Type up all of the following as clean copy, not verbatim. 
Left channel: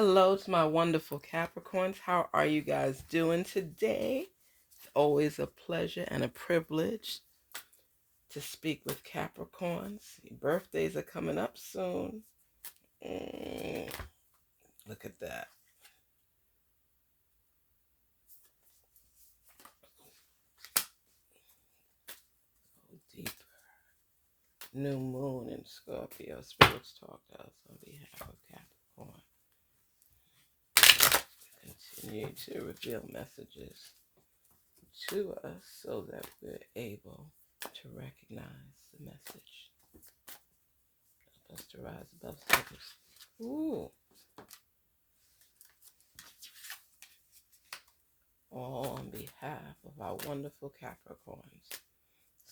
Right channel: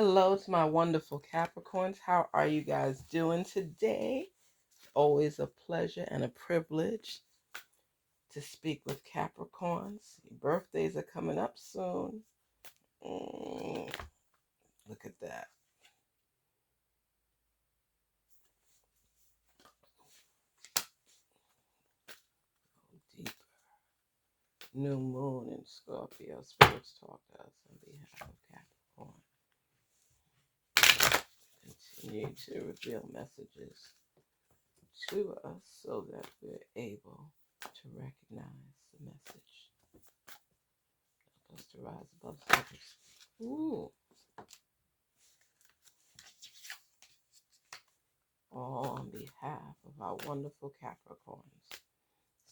Hello to my wonderful Capricorns. How are you guys doing today? It's always a pleasure and a privilege to speak with Capricorns. Your birthdays are coming up soon. Look at that. Go deeper. New moon in Scorpio. Spirits talk to us on behalf of Capricorn. Continue to reveal messages to us so that we're able to recognize the message. Help us to rise above surface. Ooh. All on behalf of our wonderful Capricorns.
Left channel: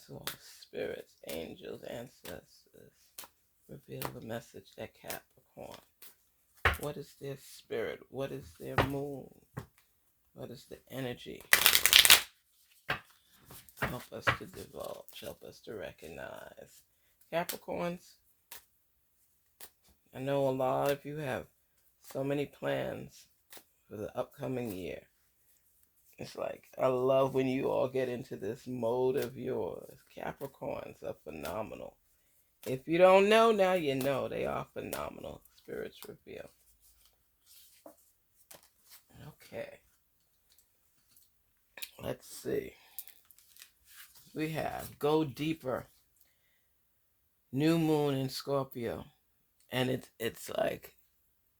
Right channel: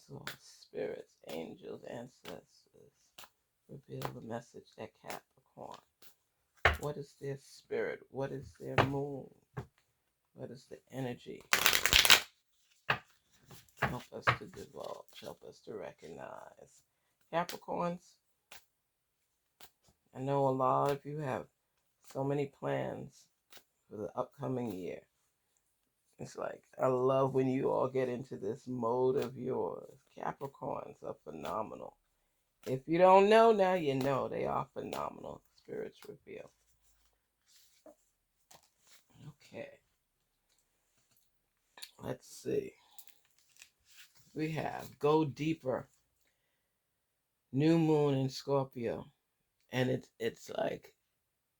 So, spirits, angels, ancestors, reveal the message that Capricorn. What is their spirit? What is their moon? What is the energy? Help us to divulge. Help us to recognize. Capricorns, I know a lot of you have so many plans for the upcoming year. It's like, I love when you all get into this mode of yours. Capricorns are phenomenal. If you don't know now, you know they are phenomenal. Spirits reveal. Okay. Let's see. We have Go Deeper. New moon in Scorpio. And it's like,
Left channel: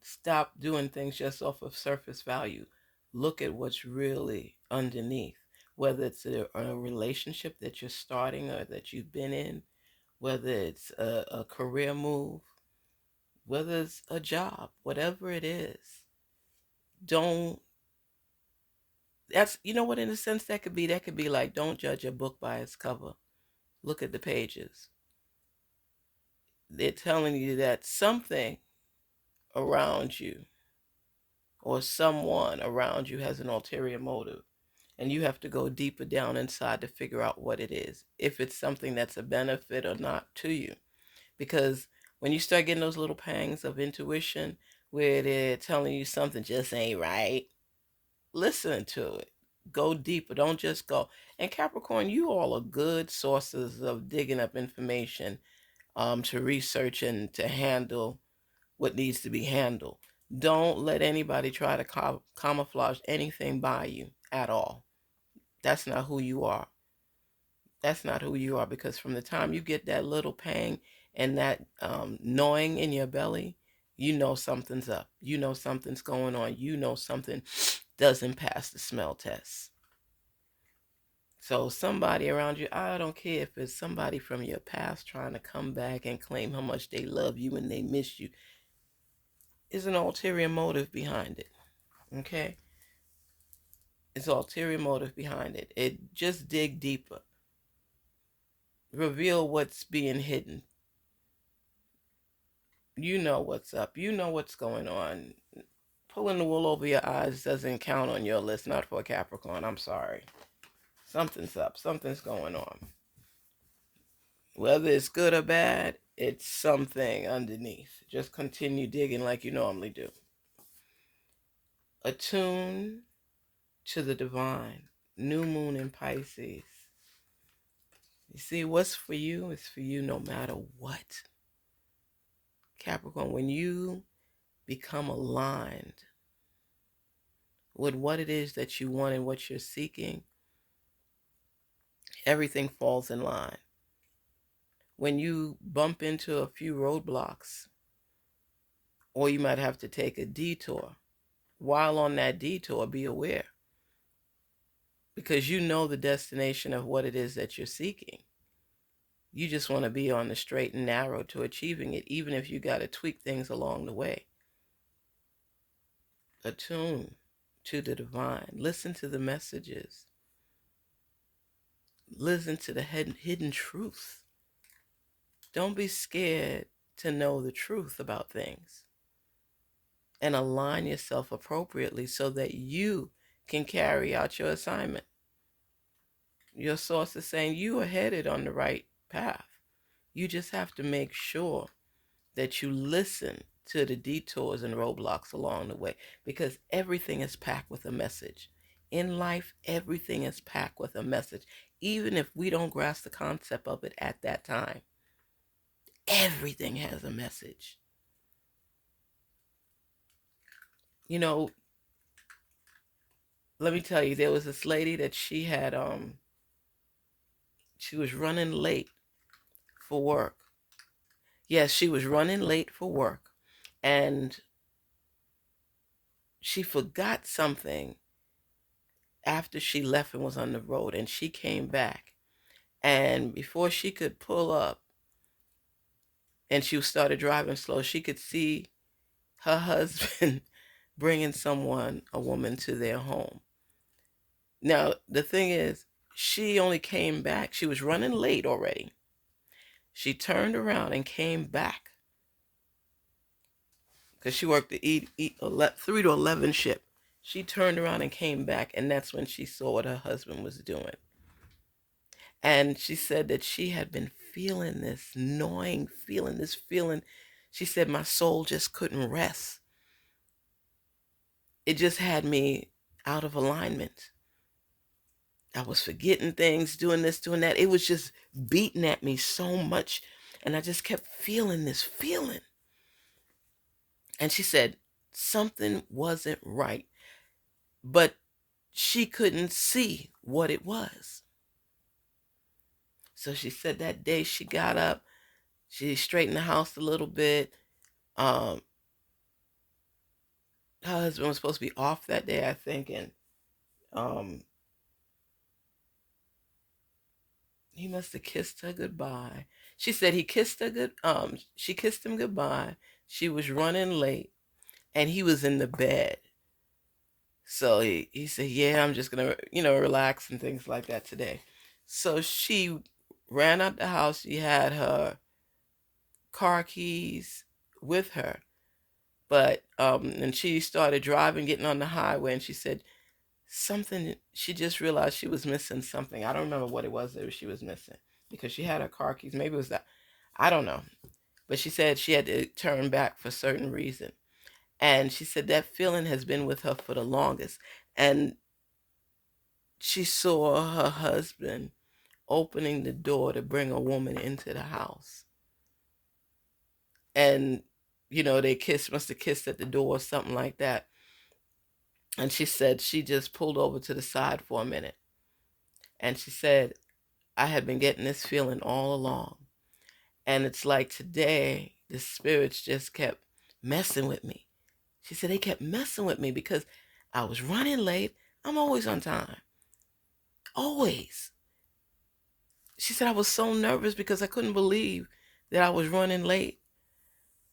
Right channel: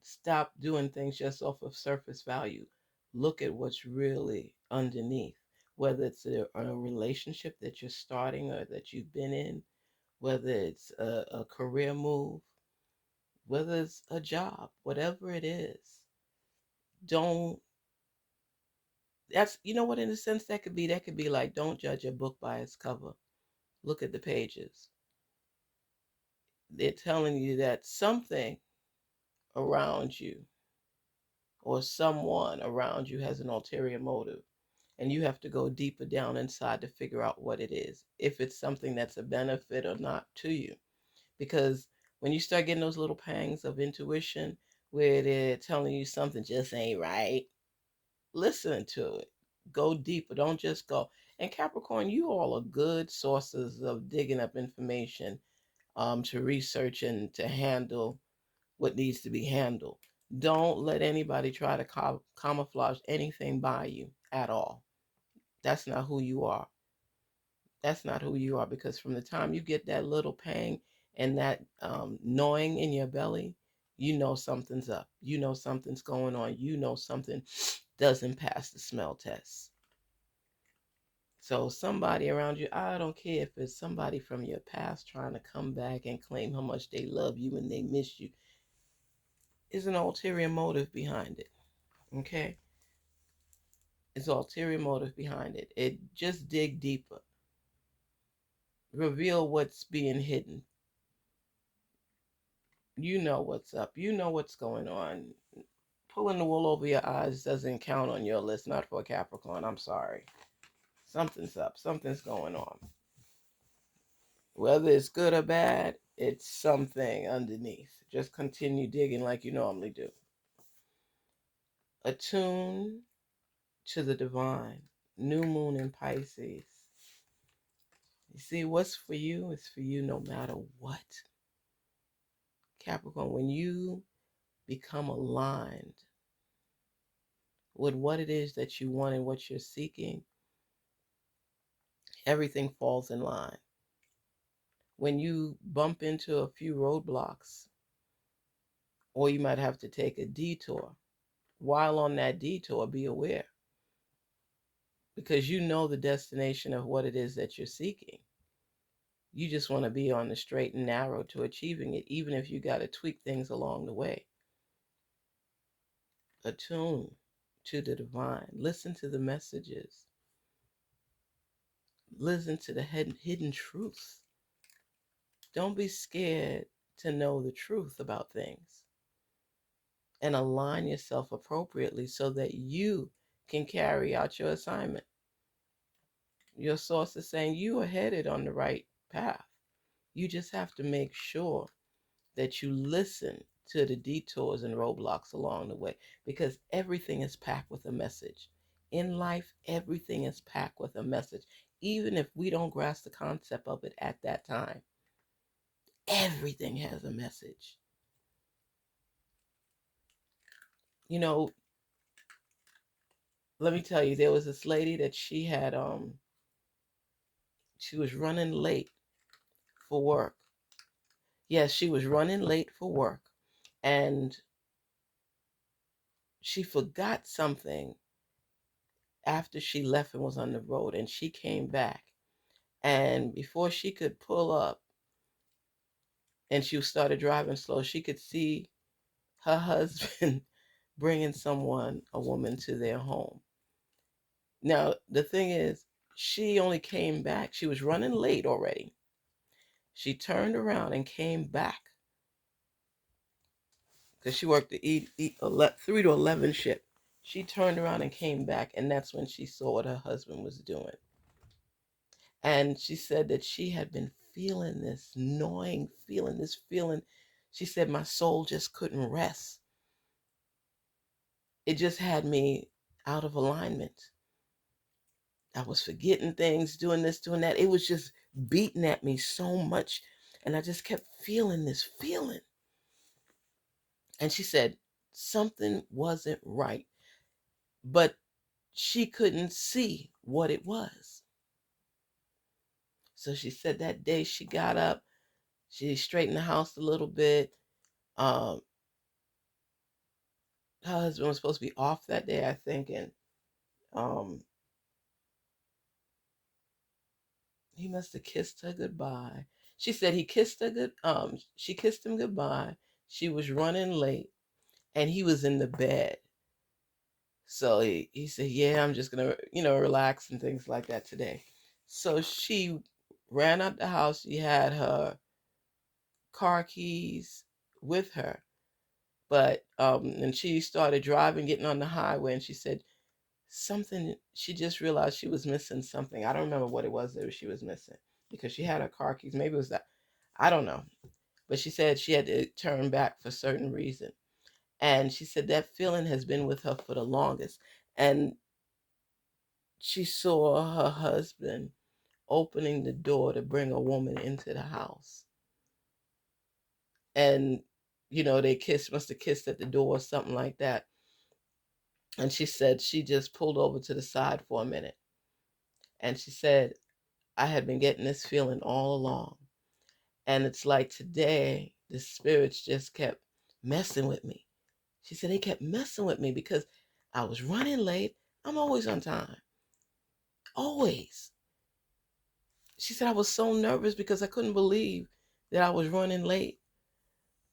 stop doing things just off of surface value. Look at what's really underneath. Whether it's a relationship that you're starting or that you've been in, whether it's a career move, whether it's a job, whatever it is, don't, that's, you know what, in a sense, that could be like, don't judge a book by its cover. Look at the pages. They're telling you that something around you or someone around you has an ulterior motive. And you have to go deeper down inside to figure out what it is, if it's something that's a benefit or not to you. Because when you start getting those little pangs of intuition where they're telling you something just ain't right, listen to it. Go deeper. Don't just go. And Capricorn, you all are good sources of digging up information, to research and to handle what needs to be handled. Don't let anybody try to camouflage anything by you at all. That's not who you are. That's not who you are, because from the time you get that little pang and that gnawing in your belly, you know something's up. You know something's going on. You know something doesn't pass the smell test. So somebody around you, I don't care if it's somebody from your past trying to come back and claim how much they love you and they miss you, is an ulterior motive behind it. Okay? It's ulterior motive behind it. It just dig deeper. Reveal what's being hidden. You know what's up. You know what's going on. Pulling the wool over your eyes doesn't count on your list, not for a Capricorn. I'm sorry. Something's up. Something's going on. Whether it's good or bad, it's something underneath. Just continue digging like you normally do. Attune to the divine. New moon in Pisces. You see, what's for you is for you no matter what. Capricorn, when you become aligned with what it is that you want and what you're seeking, everything falls in line. When you bump into a few roadblocks, or you might have to take a detour, while on that detour, be aware, because you know the destination of what it is that you're seeking. You just want to be on the straight and narrow to achieving it, even if you got to tweak things along the way. Attune to the divine. Listen to the messages. Listen to the hidden truth. Don't be scared to know the truth about things, and align yourself appropriately so that you can carry out your assignment. Your source is saying you are headed on the right path. You just have to make sure that you listen to the detours and roadblocks along the way, because everything is packed with a message. In life, everything is packed with a message. Even if we don't grasp the concept of it at that time, everything has a message. You know, let me tell you, there was this lady that she was running late for work. Yes, she was running late for work, and she forgot something after she left and was on the road, and she came back, and before she could pull up and she started driving slow, she could see her husband bringing a woman to their home. Now the thing is, she only came back, she was running late already. She turned around and came back because she worked the 3 to 11 shift. She turned around and came back, and that's when she saw what her husband was doing. And she said that she had been feeling this gnawing feeling, this feeling. She said, my soul just couldn't rest. It just had me out of alignment. I was forgetting things, doing this, doing that. It was just beating at me so much. And I just kept feeling this feeling. And she said something wasn't right, but she couldn't see what it was. So she said that day she got up, she straightened the house a little bit. Her husband was supposed to be off that day, I think, and he must have kissed her goodbye. She said he kissed her she kissed him goodbye. She was running late, and he was in the bed. So he said, yeah, I'm just gonna, relax and things like that today. So she ran out the house. She had her car keys with her, but and she started driving, getting on the highway, and she said something, she just realized she was missing something. I don't remember what it was that she was missing, because she had her car keys. Maybe it was that, I don't know. But she said she had to turn back for certain reason. And she said that feeling has been with her for the longest. And she saw her husband opening the door to bring a woman into the house. And, they must have kissed at the door or something like that. And she said she just pulled over to the side for a minute. And she said, I had been getting this feeling all along. And it's like today, the spirits just kept messing with me. She said they kept messing with me because I was running late. I'm always on time. Always. She said I was so nervous because I couldn't believe that I was running late.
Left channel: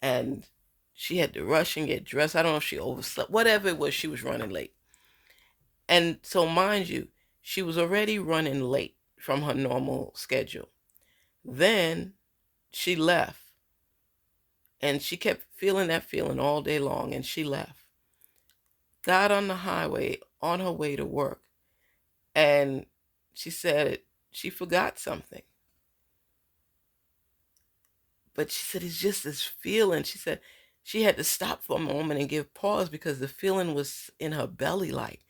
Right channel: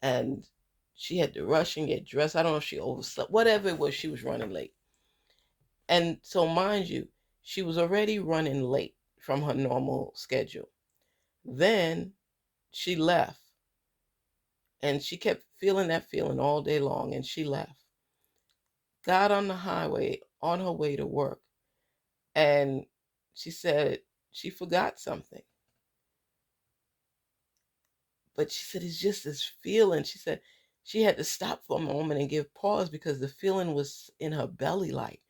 And she had to rush and get dressed. I don't know if she overslept. Whatever it was, she was running late. And so, mind you, she was already running late from her normal schedule. Then she left. And she kept feeling that feeling all day long, and she left. Got on the highway on her way to work, and she said she forgot something. But she said it's just this feeling. She said she had to stop for a moment and give pause because the feeling was in her belly, like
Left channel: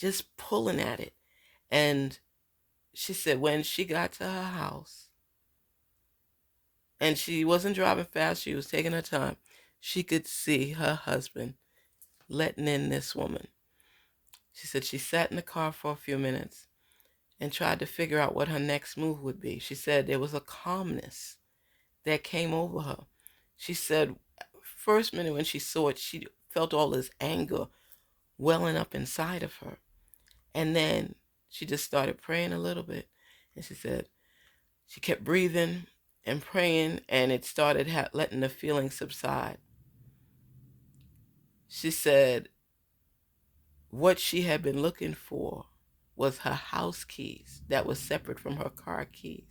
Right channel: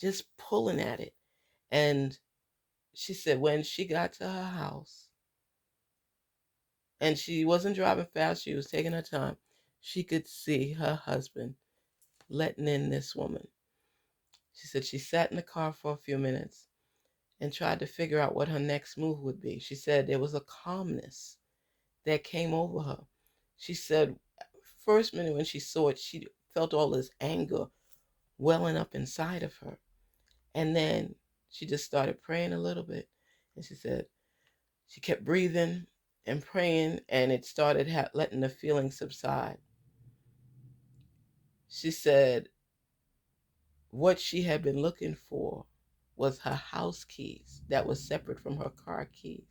just pulling at it. And she said when she got to her house, and she wasn't driving fast, she was taking her time, she could see her husband letting in this woman. She said she sat in the car for a few minutes and tried to figure out what her next move would be. She said there was a calmness that came over her. She said first minute when she saw it, she felt all this anger welling up inside of her. And then she just started praying a little bit. And she said she kept breathing and praying, and it started letting the feeling subside. She said what she had been looking for was her house keys that was separate from her car keys.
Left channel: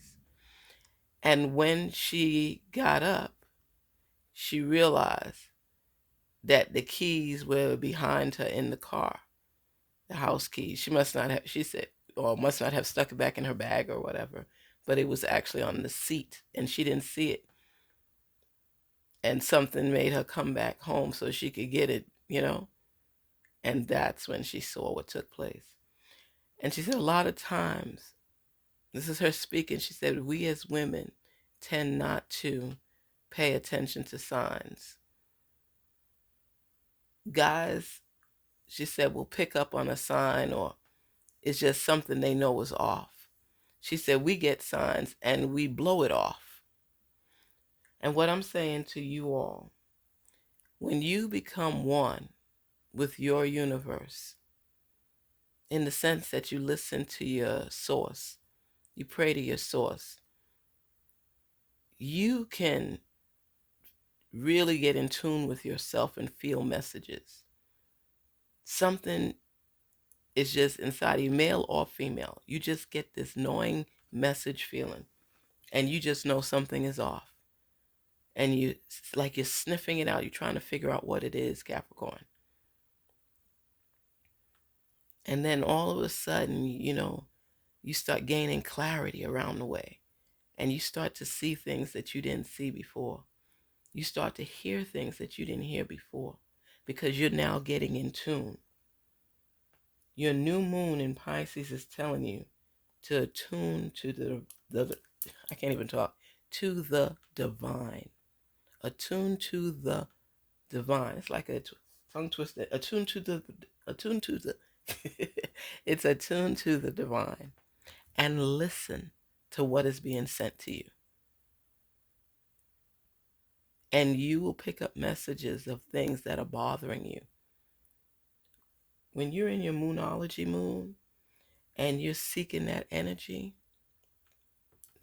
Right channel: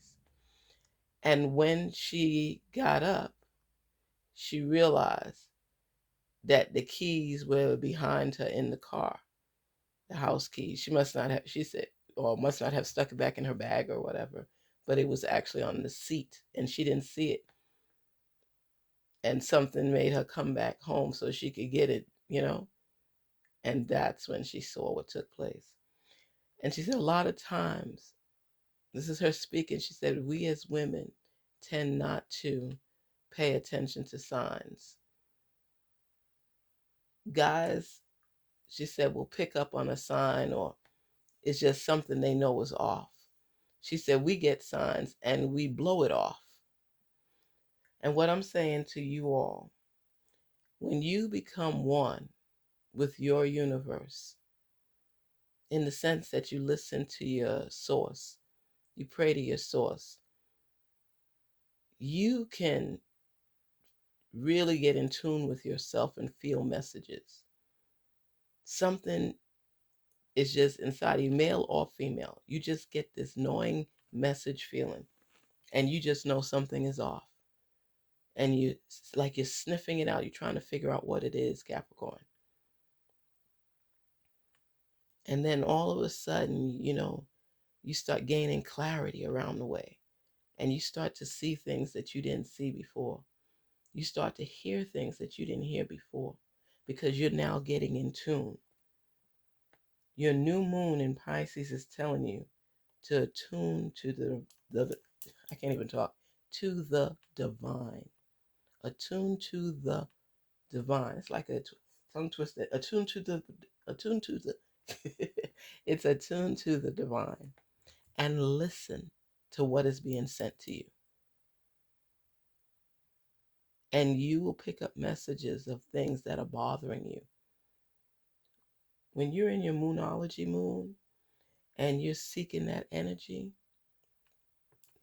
And when she got up, she realized that the keys were behind her in the car, the house keys. She must not have, she said, or must not have stuck it back in her bag or whatever, but it was actually on the seat and she didn't see it. and something made her come back home so she could get it, and that's when she saw what took place. And she said a lot of times, this is her speaking, she said, we as women tend not to pay attention to signs. Guys, she said, will pick up on a sign, or it's just something they know is off. She said, we get signs and we blow it off. And what I'm saying to you all, when you become one with your universe, in the sense that you listen to your source, you pray to your source, you can really get in tune with yourself and feel messages. Something is just inside you, male or female. You just get this knowing message feeling, and you just know something is off. And you, like, you're sniffing it out. You're trying to figure out what it is, Capricorn. And then all of a sudden, you start gaining clarity around the way. And you start to see things that you didn't see before. You start to hear things that you didn't hear before, because you're now getting in tune. Your new moon in Pisces is telling you to attune to the I can't even talk, to the divine. Attune to the divine. It's like a tongue twister. Attune to the it's attuned to the divine, and listen to what is being sent to you. And you will pick up messages of things that are bothering you. When you're in your Moonology moon and you're seeking that energy,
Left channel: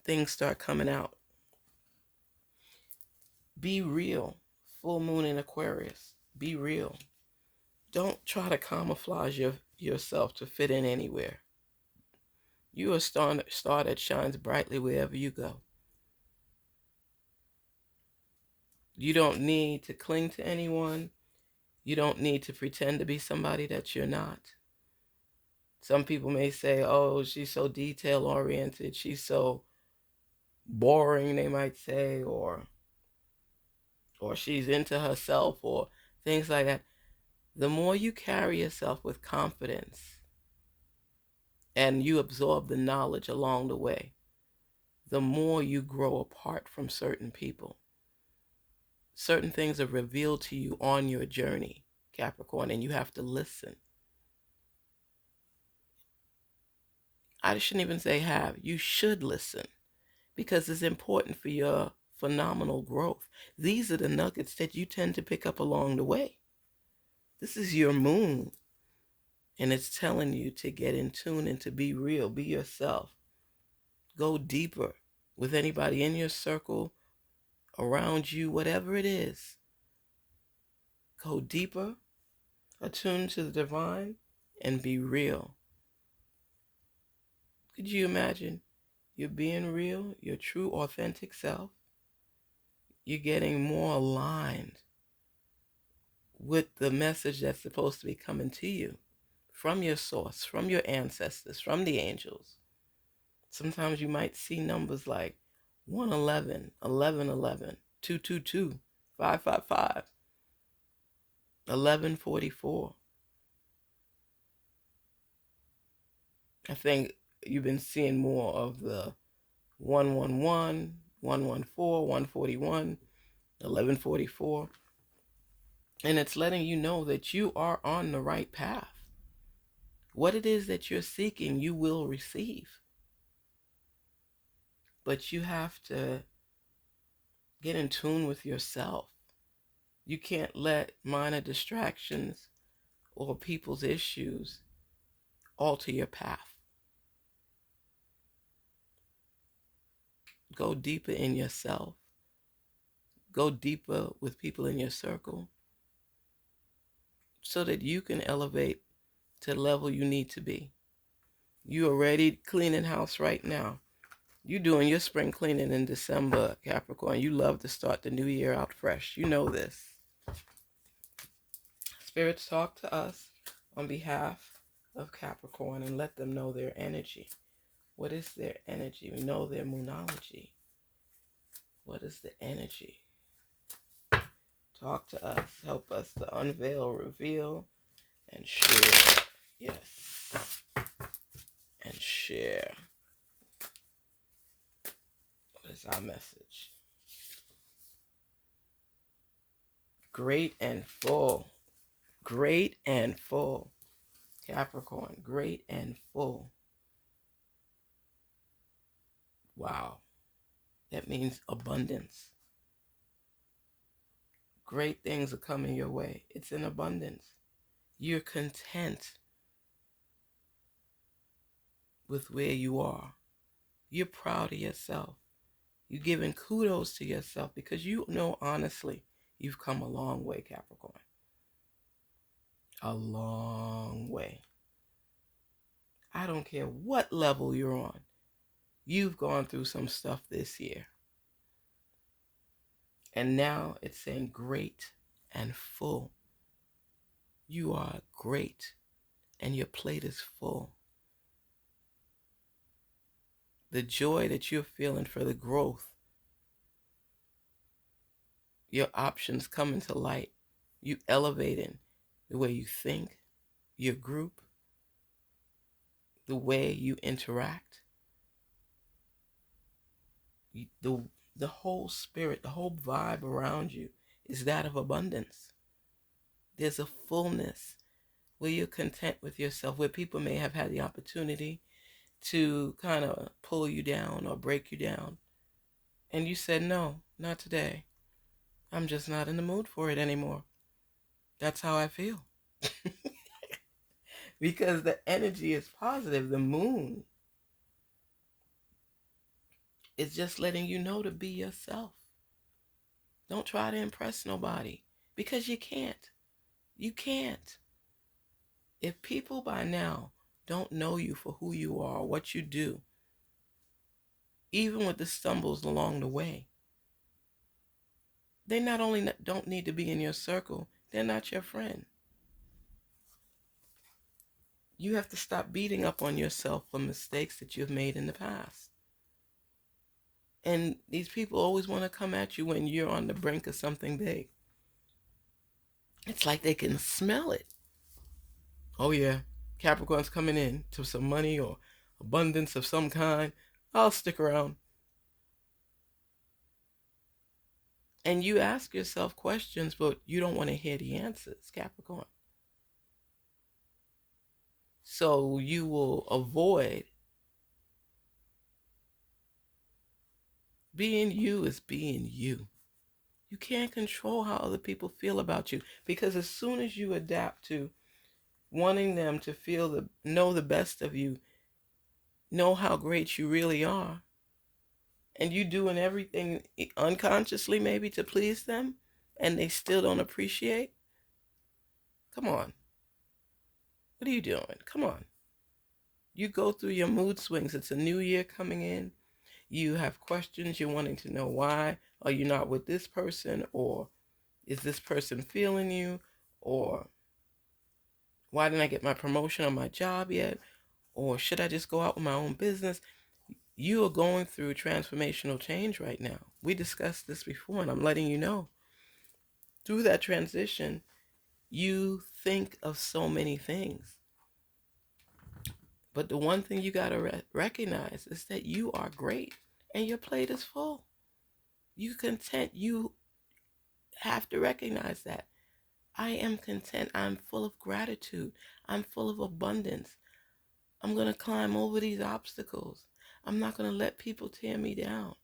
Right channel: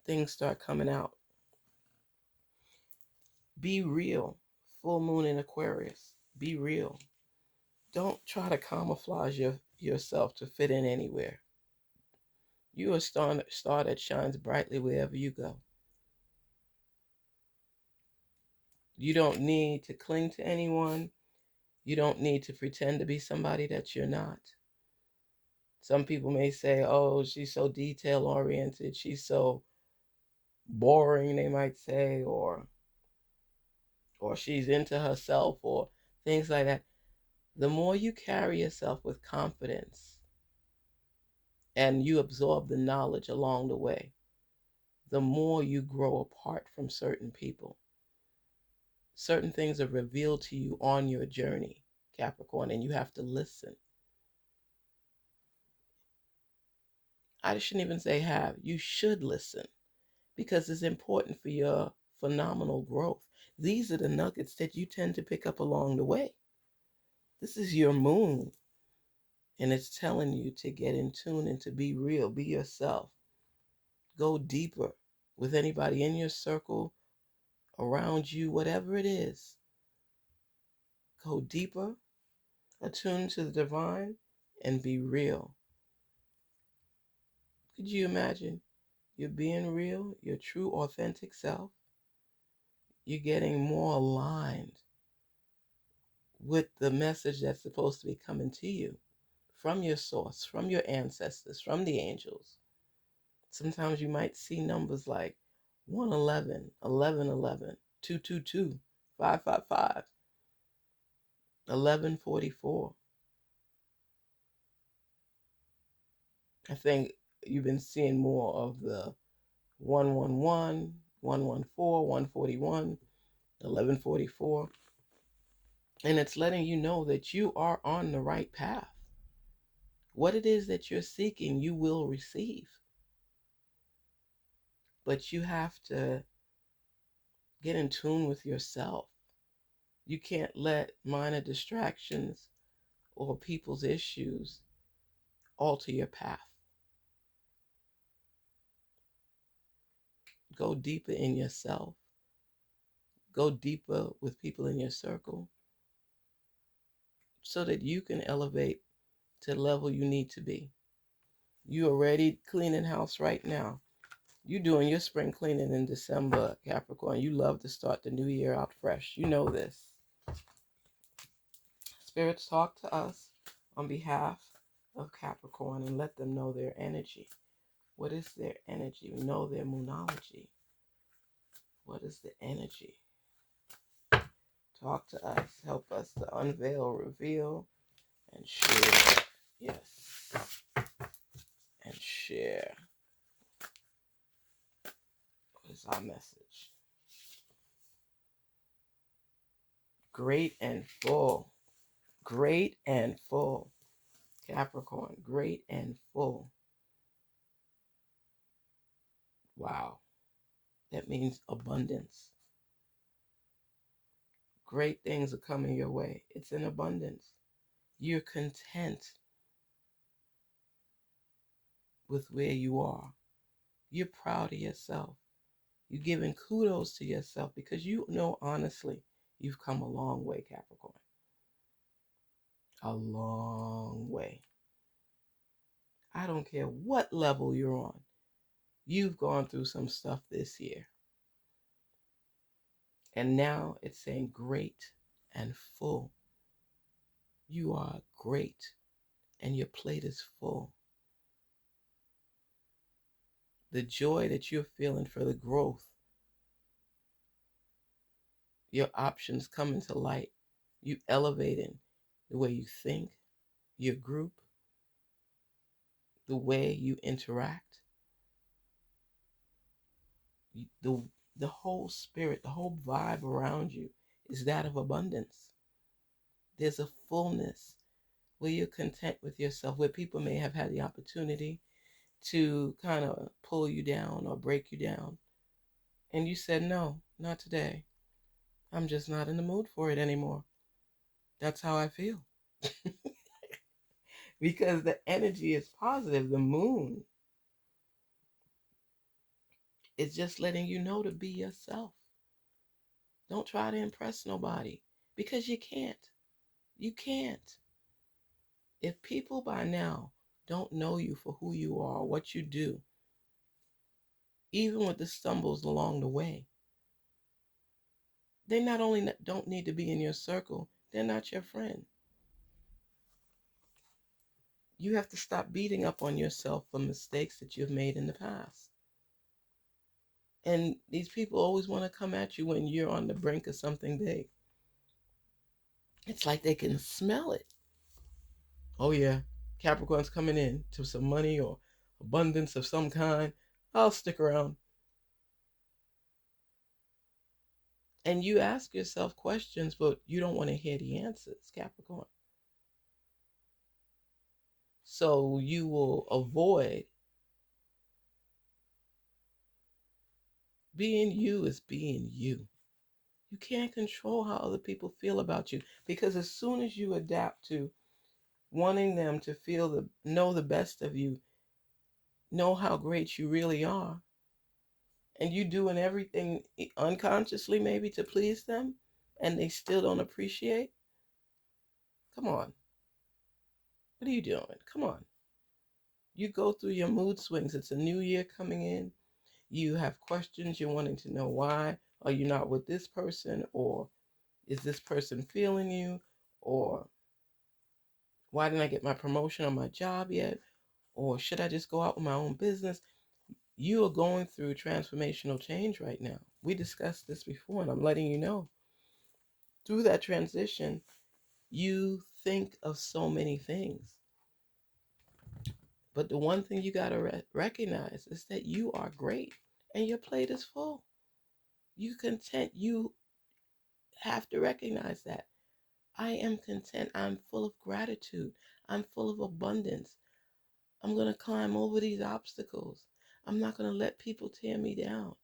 things start coming out. Be real. Full moon in Aquarius. Be real. Don't try to camouflage yourself to fit in anywhere. You are a star that shines brightly wherever you go. You don't need to cling to anyone. You don't need to pretend to be somebody that you're not. Some people may say, oh, she's so detail oriented. She's so boring, they might say, or she's into herself, or things like that. The more you carry yourself with confidence and you absorb the knowledge along the way, the more you grow apart from certain people. Certain things are revealed to you on your journey, Capricorn, and you have to listen. I shouldn't even say have. You should listen, because it's important for your phenomenal growth. These are the nuggets that you tend to pick up along the way. This is your moon, and it's telling you to get in tune and to be real, be yourself. Go deeper with anybody in your circle, around you, whatever it is. Go deeper, attune to the divine, and be real. Could you imagine you're being real, your true, authentic self? You're getting more aligned with the message that's supposed to be coming to you from your source, from your ancestors, from the angels. Sometimes you might see numbers like 111, 1111, 222, 555, 1144. I think you've been seeing more of the 111, 114, 141, 1144. And it's letting you know that you are on the right path. What it is that you're seeking, you will receive. But you have to get in tune with yourself. You can't let minor distractions or people's issues alter your path. Go deeper in yourself. Go deeper with people in your circle, so that you can elevate to the level you need to be. You already cleaning house right now. You doing your spring cleaning in December, Capricorn. You love to start the new year out fresh. You know this. Spirits, talk to us on behalf of Capricorn and let them know their energy. What is their energy? We know their moonology. What is the energy? Talk to us. Help us to unveil, reveal, and share. Yes. And share. What is our message? Great and full. Great and full. Capricorn, great and full. Wow. That means abundance. Great things are coming your way. It's in abundance. You're content with where you are. You're proud of yourself. You're giving kudos to yourself because you know honestly you've come a long way, Capricorn. A long way. I don't care what level you're on. You've gone through some stuff this year. And now it's saying great and full. You are great and your plate is full. The joy that you're feeling for the growth, your options coming to light, you elevating the way you think, your group, the way you interact, the whole spirit, the whole vibe around you is that of abundance. There's a fullness where you're content with yourself, where people may have had the opportunity to kind of pull you down or break you down. And you said, no, not today. I'm just not in the mood for it anymore. That's how I feel. Because the energy is positive. The moon is just letting you know to be yourself. Don't try to impress nobody because you can't. You can't. If people by now don't know you for who you are, what you do, even with the stumbles along the way, they not only don't need to be in your circle, they're not your friend. You have to stop beating up on yourself for mistakes that you've made in the past. And these people always want to come at you when you're on the brink of something big. It's like they can smell it. Oh yeah, Capricorn's coming in to some money or abundance of some kind. I'll stick around. And you ask yourself questions, but you don't want to hear the answers, Capricorn. So you will avoid. Being you is being you. You can't control how other people feel about you, because as soon as you adapt to wanting them to know the best of you, know how great you really are, and you doing everything unconsciously maybe to please them, and they still don't appreciate, come on. What are you doing? Come on. You go through your mood swings. It's a new year coming in. You have questions. You're wanting to know why are you not with this person, or is this person feeling you, or why didn't I get my promotion on my job yet, or should I just go out with my own business? You are going through transformational change right now. We discussed this before, and I'm letting you know. Through that transition, you think of so many things. But the one thing you got to recognize is that you are great and your plate is full. You content. You have to recognize that. I am content. I'm full of gratitude. I'm full of abundance. I'm going to climb over these obstacles. I'm not going to let people tear me down.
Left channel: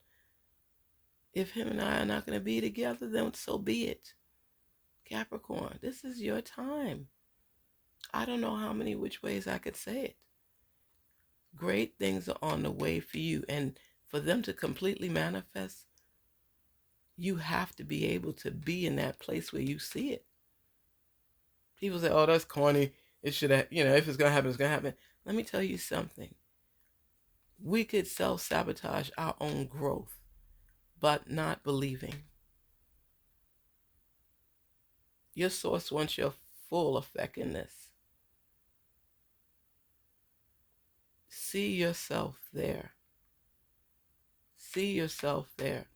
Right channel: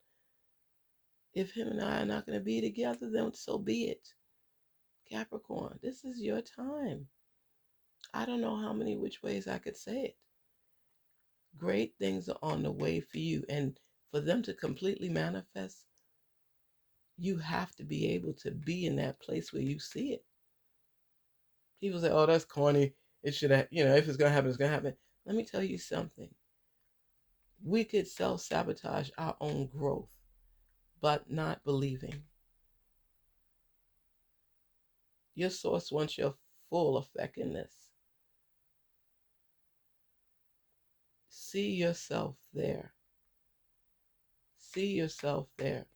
If him and I are not going to be together, then so be it. Capricorn, this is your time. I don't know how many which ways I could say it. Great things are on the way for you. And for them to completely manifest, you have to be able to be in that place where you see it. People say, oh, that's corny. It should have, if it's going to happen, it's going to happen. Let me tell you something. We could self-sabotage our own growth, but not believing. Your source wants your full effectiveness. See yourself there. See yourself there.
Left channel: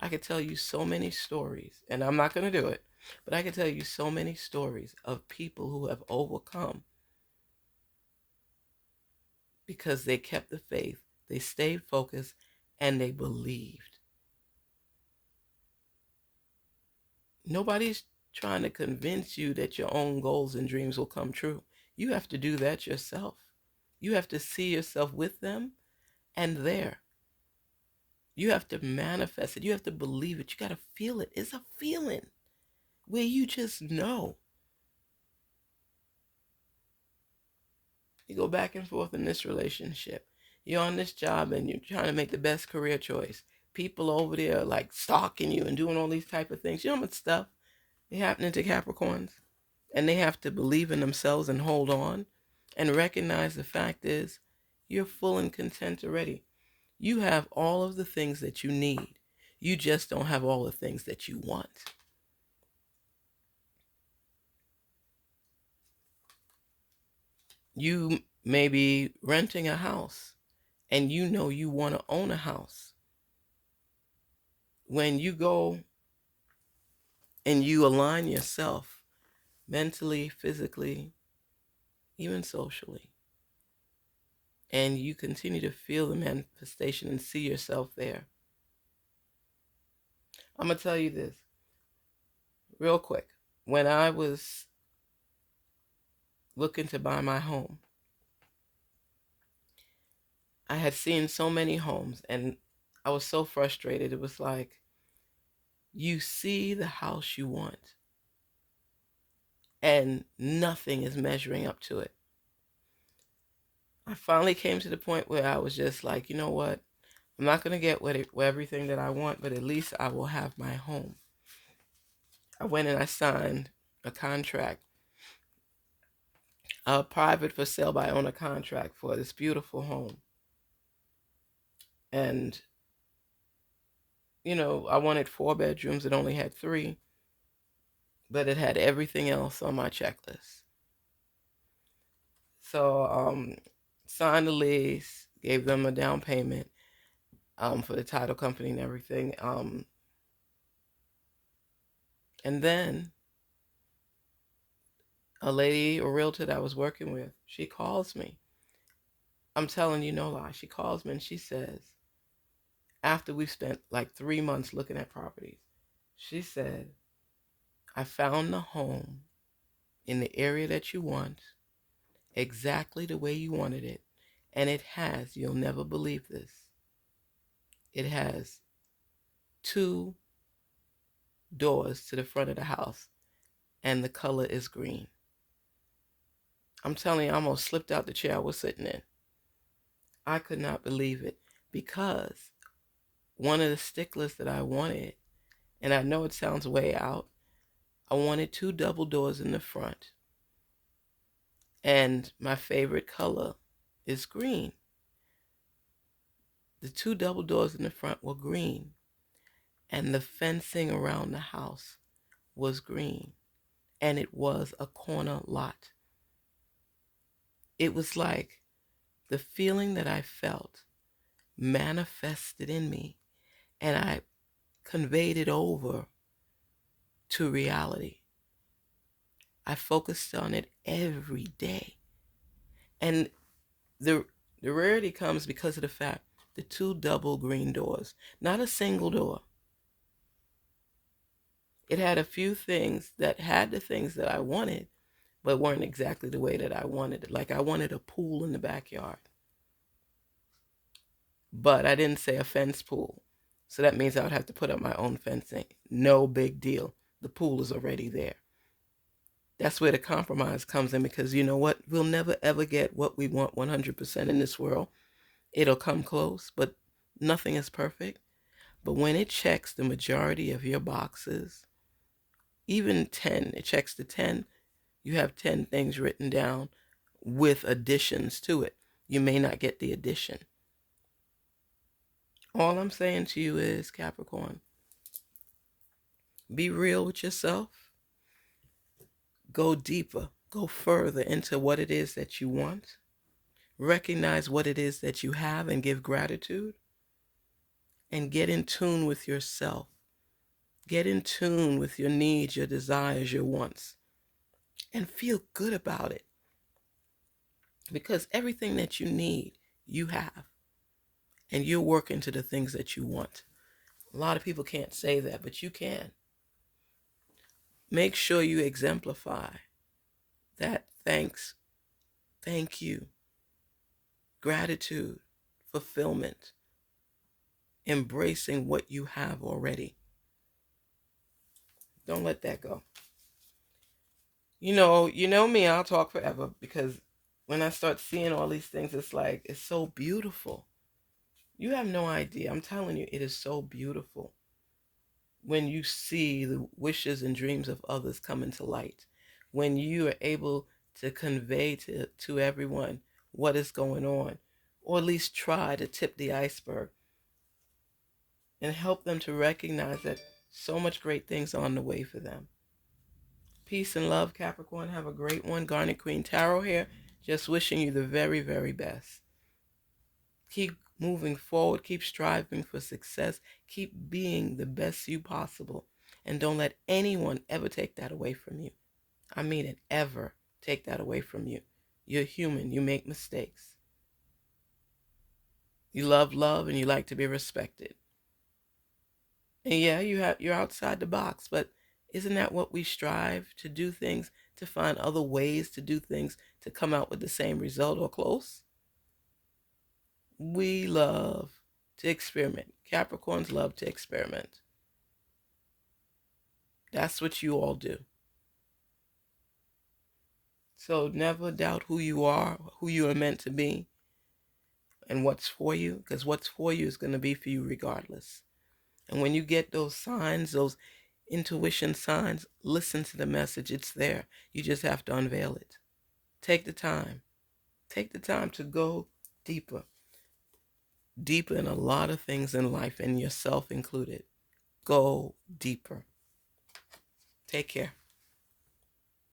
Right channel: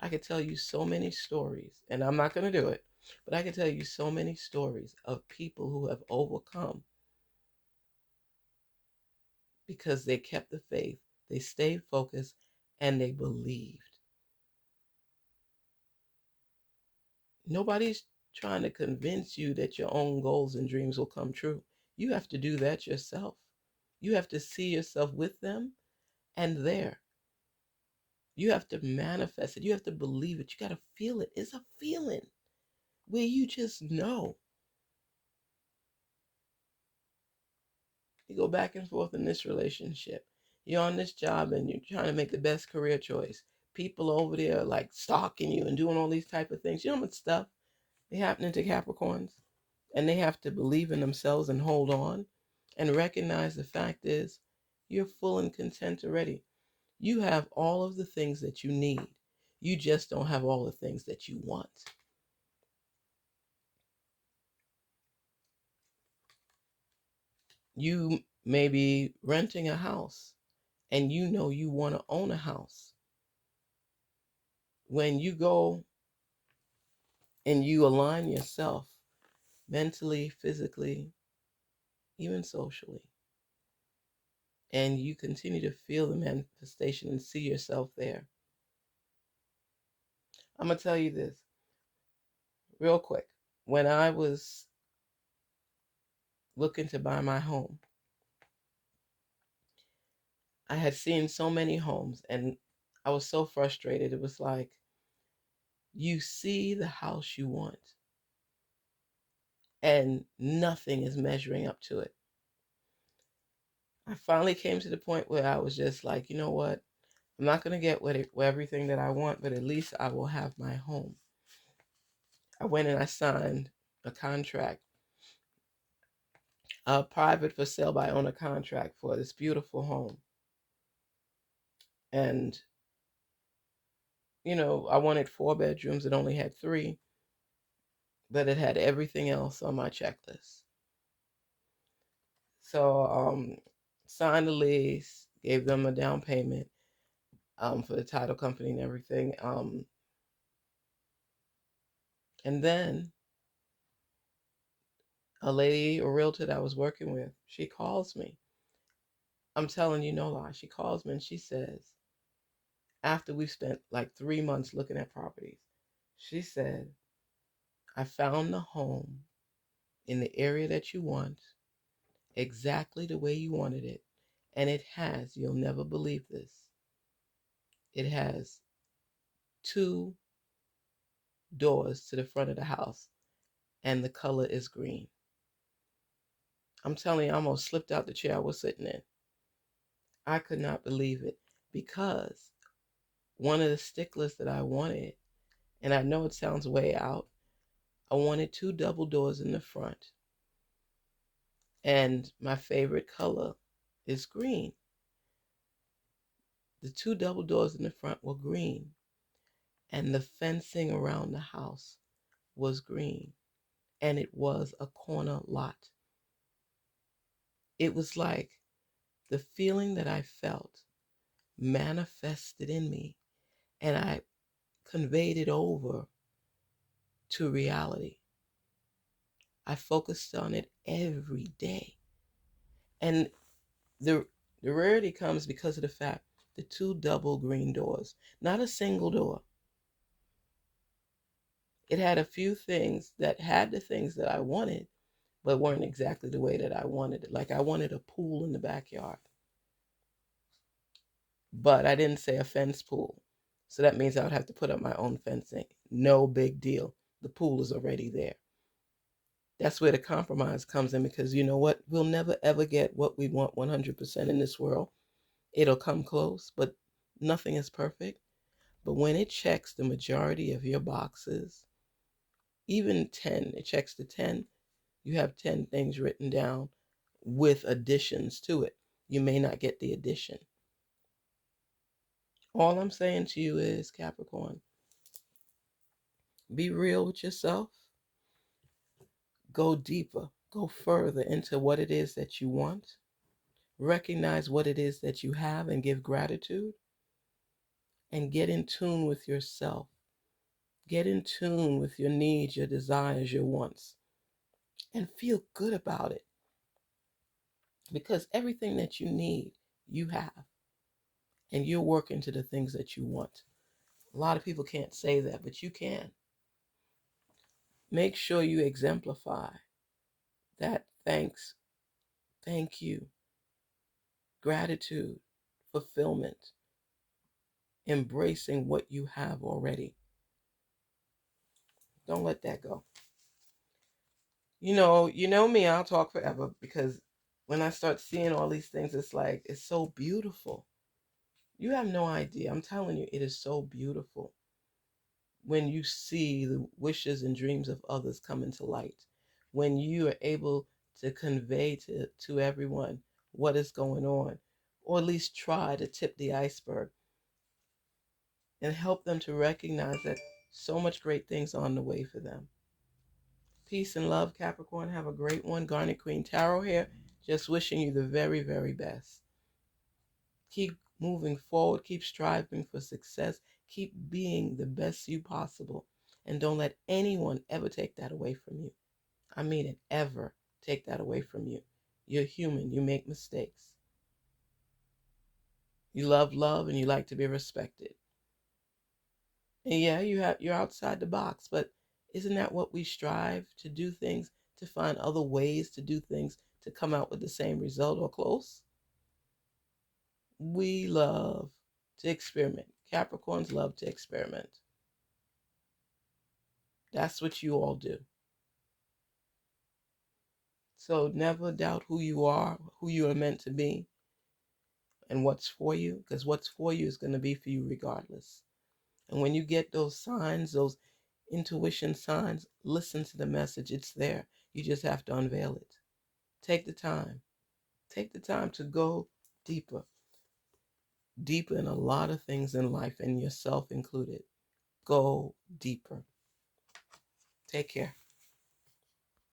I could tell you so many stories, and I'm not going to do it, But I can tell you so many stories of people who have overcome because they kept the faith, they stayed focused, and they believed. Nobody's trying to convince you that your own goals and dreams will come true. You have to do that yourself. You have to see yourself with them and there. You have to manifest it. You have to believe it. You got to feel it. It's a feeling where you just know. You go back and forth in this relationship. You're on this job and you're trying to make the best career choice. People over there like stalking you and doing all these type of things. You know how much stuff is happening to Capricorns? And they have to believe in themselves and hold on and recognize the fact is you're full and content already. You have all of the things that you need. You just don't have all the things that you want. You may be renting a house and you know you want to own a house. When you go and you align yourself mentally, physically, even socially, and you continue to feel the manifestation and see yourself there. I'm going to tell you this real quick. When I was looking to buy my home, I had seen so many homes and I was so frustrated. It was like, you see the house you want and nothing is measuring up to it. I finally came to the point where I was just like, you know what? I'm not going to get everything that I want, but at least I will have my home. I went and I signed a contract, a private for sale by owner contract for this beautiful home. And, you know, I wanted 4 bedrooms. It only had 3, but it had everything else on my checklist. So, signed the lease, gave them a down payment for the title company and everything. And then a lady, a realtor that I was working with, she calls me. I'm telling you no lie. She calls me and she says, after we spent like 3 months looking at properties, she said, I found the home in the area that you want, exactly the way you wanted it. And it has, you'll never believe this, it has 2 doors to the front of the house and the color is green. I'm telling you, I almost slipped out the chair I was sitting in. I could not believe it because one of the sticklers that I wanted, and I know it sounds way out, I wanted 2 double doors in the front. And my favorite color is green. The 2 double doors in the front were green. And the fencing around the house was green. And it was a corner lot. It was like the feeling that I felt manifested in me. And I conveyed it over to reality. I focused on it every day. And the rarity comes because of the fact the 2 double green doors, not a single door. It had a few things that had the things that I wanted, but weren't exactly the way that I wanted it. Like I wanted a pool in the backyard, but I didn't say a fence pool. So that means I would have to put up my own fencing. No big deal. The pool is already there. That's where the compromise comes in because you know what? We'll never ever get what we want 100% in this world. It'll come close, but nothing is perfect. But when it checks the majority of your boxes, even 10, it checks the 10, you have 10 things written down with additions to it. You may not get the addition. All I'm saying to you is, Capricorn, be real with yourself. Go deeper, go further into what it is that you want. Recognize what it is that you have and give gratitude. And get in tune with yourself. Get in tune with your needs, your desires, your wants, and feel good about it. Because everything that you need, you have. And you're working to the things that you want. A lot of people can't say that, but you can. Make sure you exemplify that thanks, thank you, gratitude, fulfillment, embracing what you have already. Don't let that go. You know me, I'll talk forever because when I start seeing all these things, it's like, it's so beautiful. You have no idea. I'm telling you, it is so beautiful when you see the wishes and dreams of others come into light. When you are able to convey to everyone what is going on, or at least try to tip the iceberg and help them to recognize that so much great things are on the way for them. Peace and love, Capricorn. Have a great one. Garnetqueentarot here. Just wishing you the very, very best. Keep moving forward. Keep striving for success. Keep being the best you possible. And don't let anyone ever take that away from you. I mean it, ever take that away from you. You're human. You make mistakes. You love love and you like to be respected. And yeah, you're outside the box, but isn't that what we strive to do things, to find other ways to do things to come out with the same result or close? We love to experiment. Capricorns love to experiment. That's what you all do. So never doubt who you are, who you are meant to be, and what's for you, because what's for you is going to be for you regardless. And when you get those signs, those intuition signs, listen to the message. It's there. You just have to unveil it. Take the time. Take the time to go deeper. Deeper in a lot of things in life, and yourself included. Go deeper. Take care.